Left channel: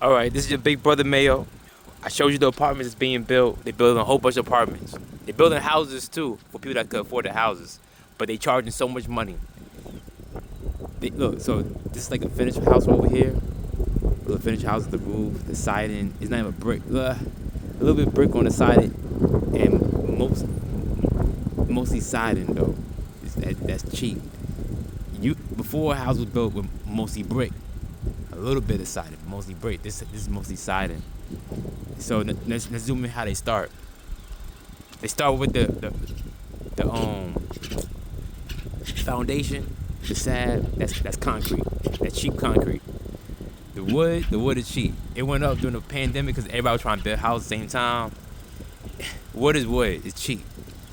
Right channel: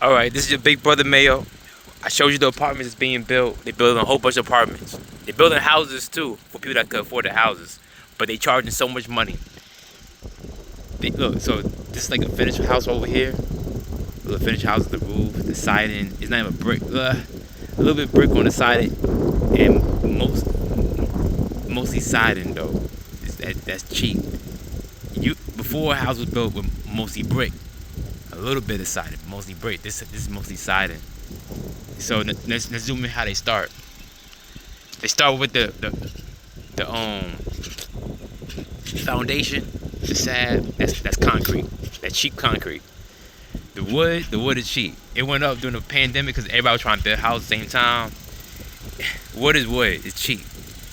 All right, this is your big brother Mayo. I showed you the apartments that's being built. They're building a whole bunch of apartments. They're building houses too for people that can afford the houses, but they charging so much money. Look, so this is like a finished house over here. The finished house, the roof, the siding. It's not even brick. A little bit brick on the siding, and mostly siding though. That's cheap. Before a house was built with mostly brick, a little bit of siding, mostly brick. This is mostly siding. So let's zoom in how they start. They start with the foundation, the slab. That's concrete. That's cheap concrete. The wood is cheap. It went up during the pandemic because everybody was trying to build houses at the same time. Wood is wood. It's cheap.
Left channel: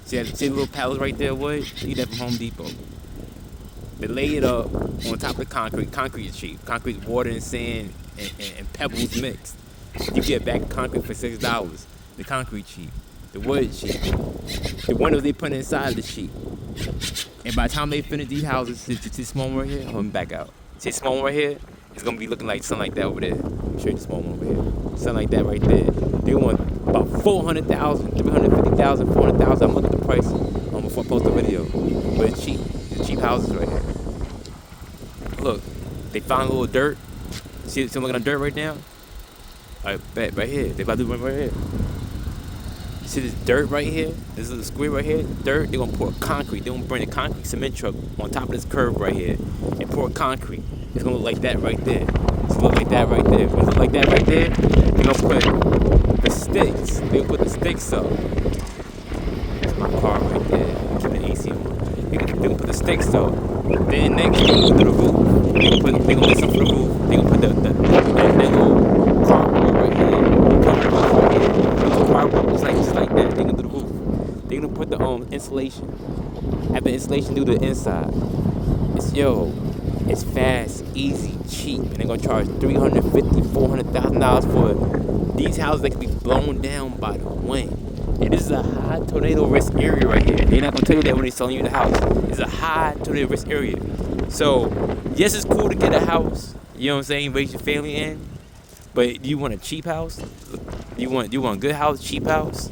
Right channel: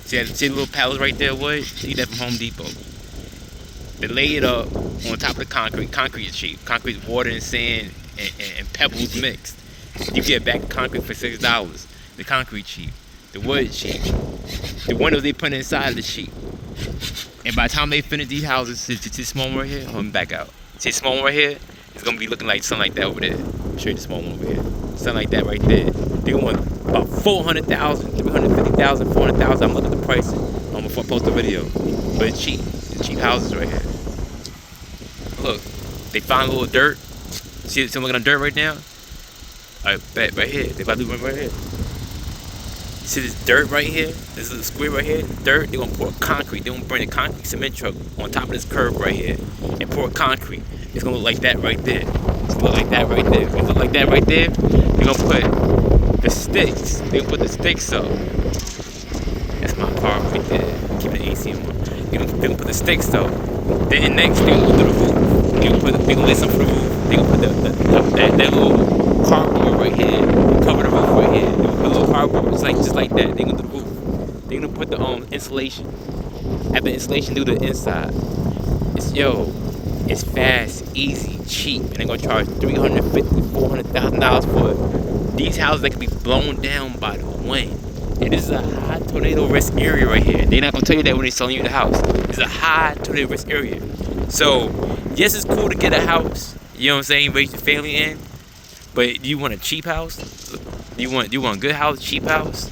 See the little pallets right there, wood? You get that from Home Depot. They lay it up on top of the concrete. Concrete is cheap. Concrete is water and sand and pebbles mixed. You get back concrete for $6. The concrete cheap. The wood cheap. The windows they put inside is cheap. And by the time they finish these houses, see this small one right here? Hold me back out. See this small one right here? It's gonna be looking like something like that over there. I'll show you the small one over here. Something like that right there. They want about 400,000, 350,000, 400,000. I'm looking at the price before I post the video. But it's cheap. It's cheap houses right here. Look, they found a little dirt. See I'm looking at dirt right now? Alright, bet right here. They about to do right here. See this dirt right here? This little square right here? Dirt, they're gonna pour concrete. They're gonna bring a concrete cement truck on top of this curb right here and pour concrete. It's gonna look like that right there. It's gonna look like that right there. It's gonna look like that right there. They're gonna put the sticks. They're gonna put the sticks up. That's my car right there. Keep the AC on. They're gonna put the sticks up. Then next, they're gonna do the roof. They're gonna lay something for the roof. They're gonna put that little cardboard right here. Cover the roof right here. They're gonna put a little cardboard just like that. They're gonna do the roof. They're gonna put the insulation. Have the insulation do the inside. It's fast, easy, cheap, and they're gonna charge $350,000, $400,000 for these houses that can be blown down by the wind. And this is a high tornado risk area right here. They're not gonna tell you that when they're selling you the house. It's a high tornado risk area. So, yes, it's cool to get a house. You know what I'm saying? Raise your family in. But do you want a cheap house? Do you want a good house, cheap house?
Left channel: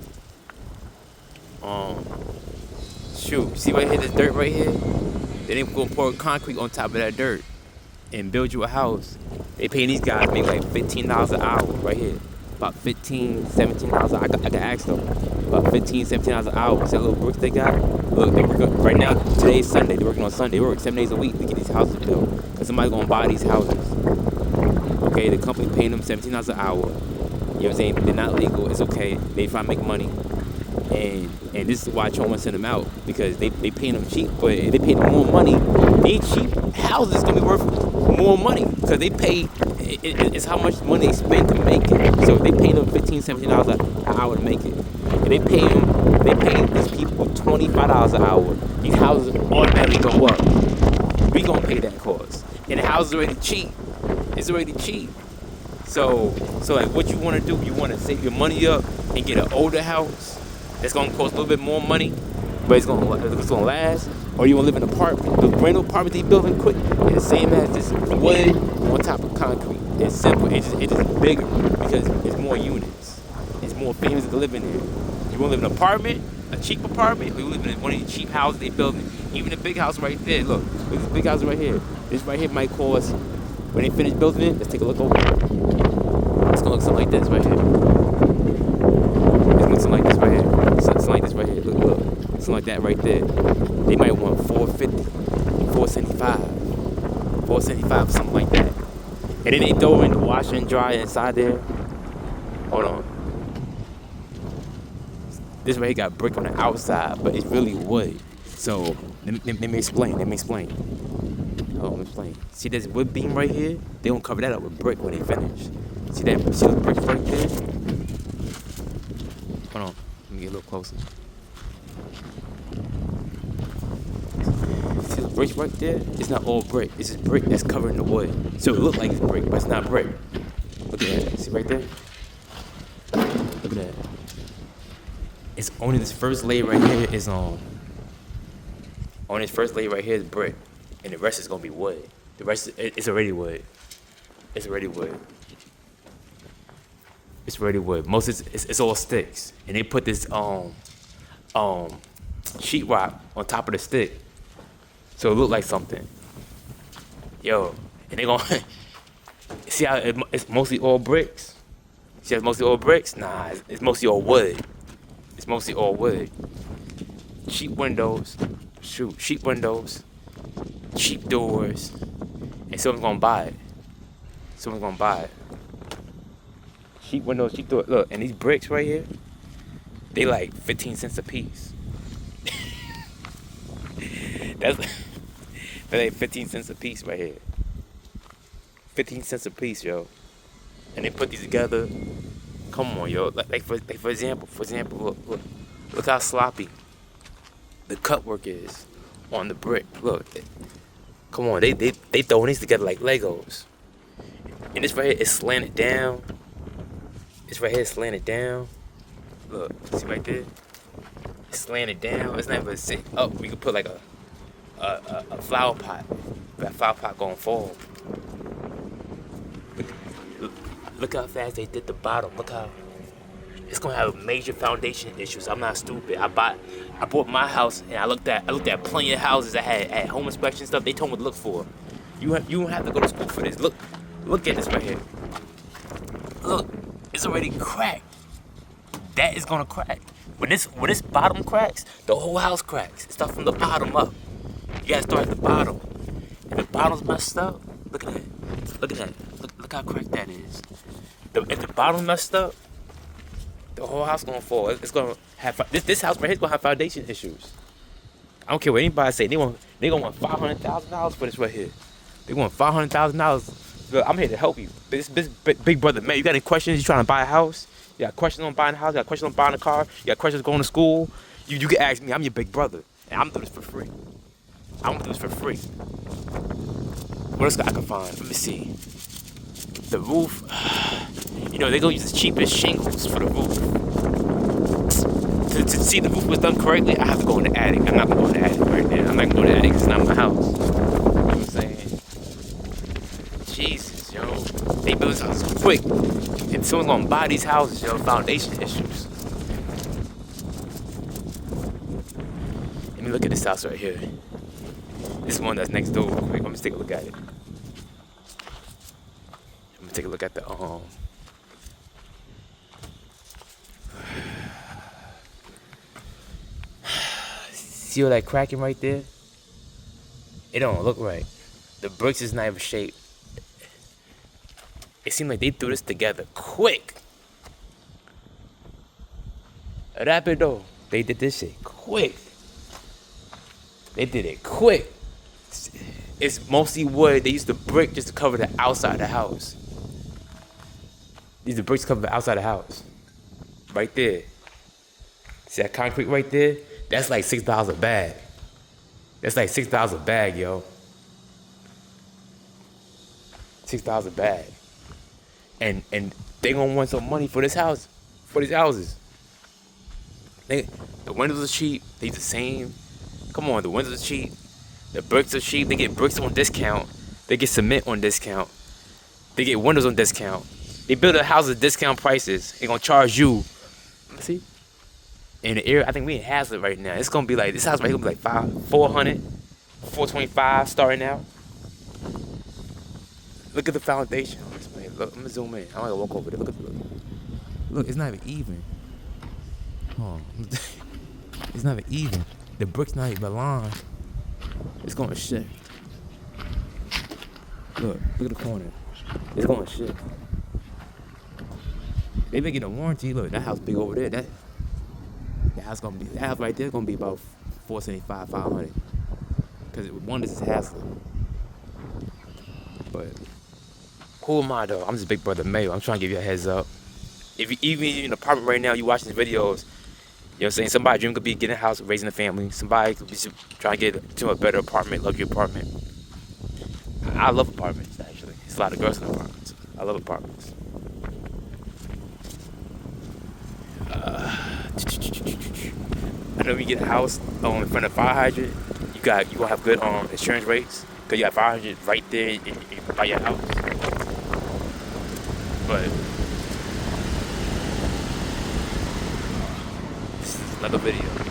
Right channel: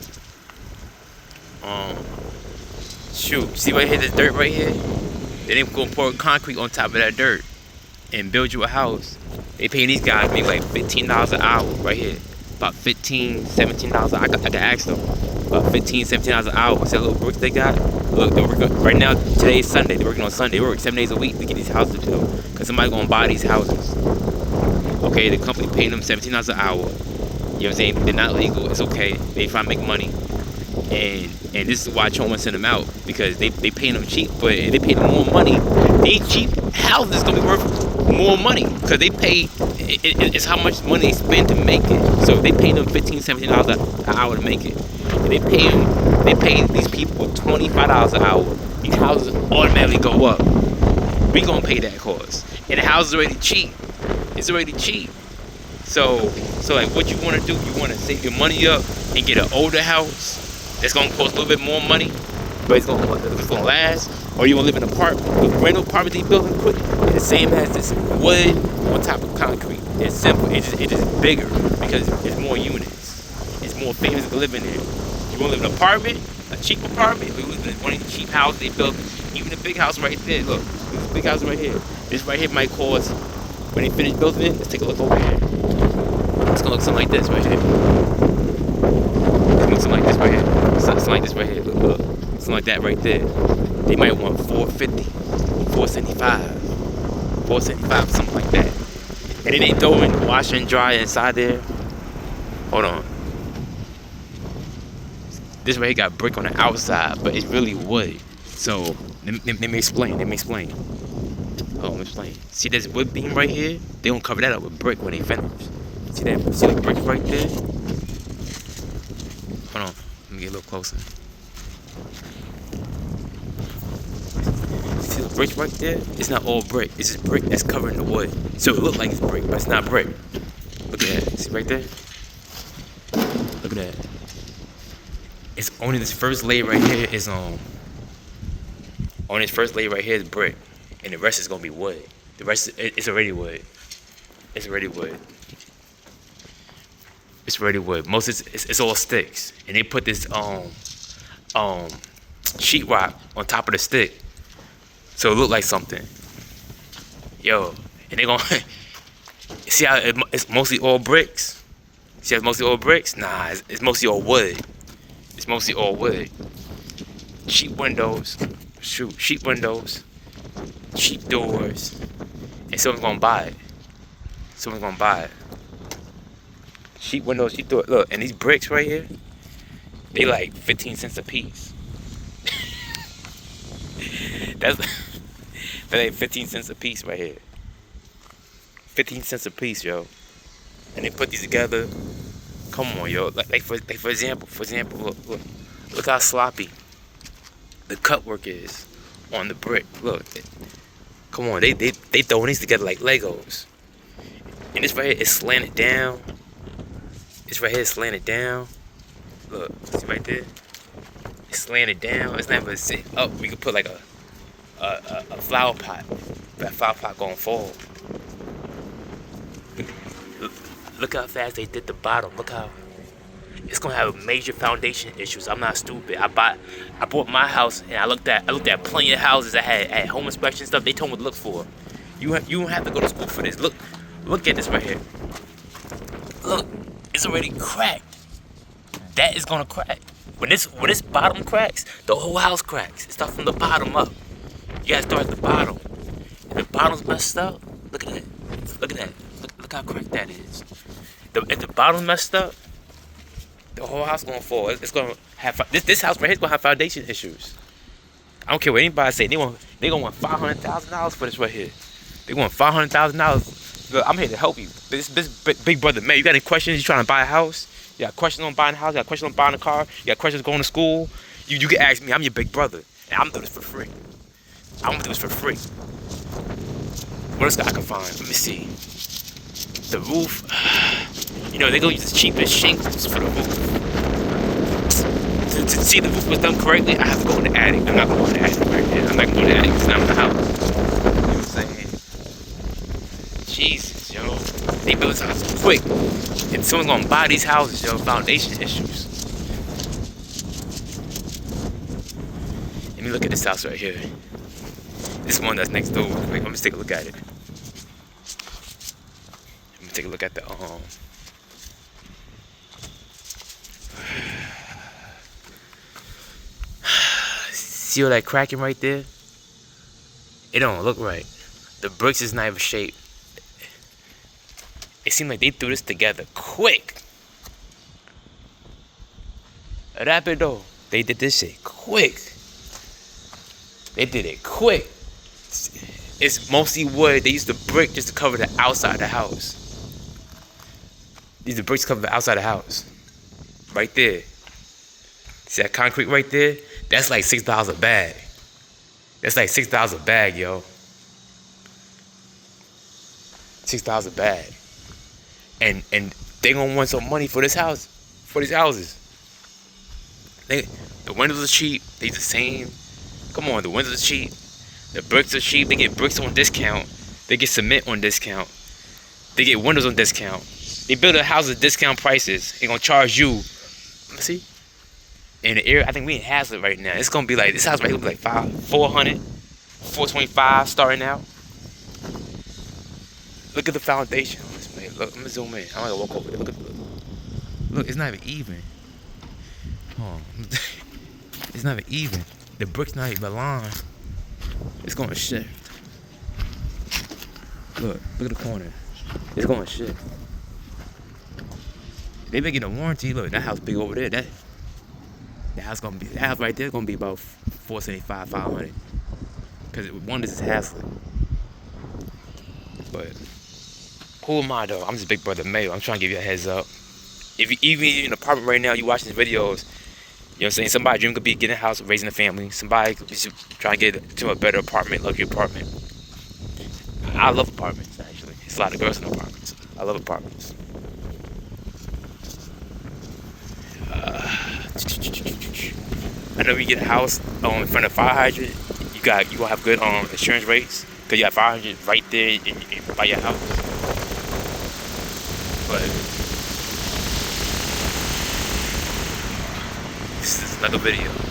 Shoot, see right here, this dirt right here? Then they gonna pour concrete on top of that dirt and build you a house. They paying these guys maybe like $15 an hour right here. About $15, $17. I can ask them. About $15, $17 an hour. See that little bricks they got? Look, they're working right now. Today's Sunday. They're working on Sunday. They work 7 days a week to get these houses built. Cause somebody's gonna buy these houses. Okay, the company paying them $17 an hour. You know what I'm saying? They're not legal. It's okay. They try to make money. And this is why I don't want to send them out, because they paying them cheap, but if they pay them more money, these cheap houses gonna be worth more money because they pay. It's how much money they spend to make it. So if they pay them $15, $17 an hour to make it, and they pay these people $25 an hour. These houses automatically go up. We gonna pay that cost, and the house is already cheap. It's already cheap. So like, what you want to do? You want to save your money up and get an older house that's gonna cost a little bit more money, but it's gonna last. Or you wanna live in an apartment, the brand new apartment they building quick, it's the same as this wood on top of concrete. It's simple. It's just bigger because it's more units. It's more families to live in there. You wanna live in an apartment, a cheap apartment, or you live in one of these cheap houses they built. Even the big house right there. Look, this big house right here. This right here might cost, when they finish building it. Let's take a look over here. It's gonna look something like this right here. Something like this right here. Something like this right here. Look. Something like that right there. They might want 450, 475, 475, something like that. And then they throw in the washer and dryer inside there. Hold on. This right here got brick on the outside, but it's really wood. So let me explain. Let me explain. See this wood beam right here? They gonna cover that up with brick when they finish. See the brick right there? Hold on, let me get a little closer. See the brick right there? It's not all brick. It's just brick that's covering the wood. So it looks like it's brick, but it's not brick. Look at that. See right there? Look at that. It's only this first layer right here is only this first layer right here is brick, and the rest is gonna be wood. The rest is already wood. It's already wood. It's ready wood. Most it's all sticks, and they put this sheetrock on top of the stick, so it look like something. Yo, and they gonna see how it's mostly all bricks. See how it's mostly all bricks? Nah, it's mostly all wood. It's mostly all wood. Cheap windows, cheap windows, cheap doors, and someone's gonna buy it. Someone's gonna buy it. Cheap windows, cheap doors. Look, and these bricks right here, they like 15 cents a piece. That's like 15 cents a piece right here. 15 cents a piece, yo. And they put these together. Come on, yo. Like for example, look how sloppy the cut work is on the brick. Look, come on, they throwing these together like Legos. And this right here is slanted down. This right here is slanted down. Look, see right there? It's slanted down. It's not even sit up. We could put like a flower pot. That flower pot gonna fall. Look how fast they did the bottom. Look how it's gonna have major foundation issues. I'm not stupid. I bought my house and I looked at plenty of houses that had home inspection stuff. They told me what to look for. You don't have to go to school for this. Look at this right here. Look, it's already cracked. That is gonna crack. When this bottom cracks, the whole house cracks. It starts from the bottom up. You gotta start at the bottom. And the bottom's messed up. Look at that. Look at that. Look how cracked that is. If the bottom's messed up, the whole house gonna fall. It's gonna have this house right here is gonna have foundation issues. I don't care what anybody say. They gonna want $500,000 for this right here. They want $500,000. Look, I'm here to help you. This big brother, man. You got any questions? You trying to buy a house? You got questions on buying a house? You got questions on buying a car? You got questions going to school? You can ask me. I'm your big brother, and I'm gonna do this for free. I'm gonna do this for free. What else I can find? Let me see. The roof. You know, they're gonna use the cheapest shingles for the roof. To see the roof was done correctly, I have to go in the attic. I'm not going in the attic right there. I'm not going in the attic because I'm in the house. I'm saying, Jesus, yo. They build this house quick. And someone's gonna buy these houses, yo. Foundation issues. Let me look at this house right here. This one that's next door. Wait, let me take a look at it. Let me take a look at the See all that cracking right there? It don't look right. The bricks is not even shaped. It seemed like they threw this together quick. Rapido. They did this shit quick. They did it quick. It's mostly wood. They used the brick just to cover the outside of the house. These are bricks cover the outside of the house. Right there. See that concrete right there? That's like $6 a bag. That's like $6 a bag, yo. $6 a bag. And they gonna want some money for this house, for these houses. The windows are cheap. They the same. Come on, the windows are cheap. The bricks are cheap. They get bricks on discount. They get cement on discount. They get windows on discount. They build a house at discount prices. They gonna charge you. Let me see. In the area, I think we in Hazlet right now. It's gonna be like this house right here will be like $400, $425 starting out. Look at the foundation on this place. Look, I'm gonna zoom in. I'm gonna walk over there. Look, it's not even even. Oh, it's not even even. The brick's not even aligned. It's gonna shift. Look at the corner. It's gonna shift. They been getting a warranty. Look, that house big over there. That house right there gonna be about $475, $500. Cause one this is Hazlet. But who am I though? I'm just Big Brother Mayo. I'm trying to give you a heads up. If you even in an apartment right now, you watching these videos, you know what I'm saying? Somebody's dream could be getting a house, raising a family. Somebody could be trying to get to a better apartment, luxury apartment. I love apartments, actually. There's a lot of girls in apartments. I love apartments. I know when you get a house in front of a fire hydrant, you gonna have good insurance rates because you have fire hydrant right there by your house. But another video.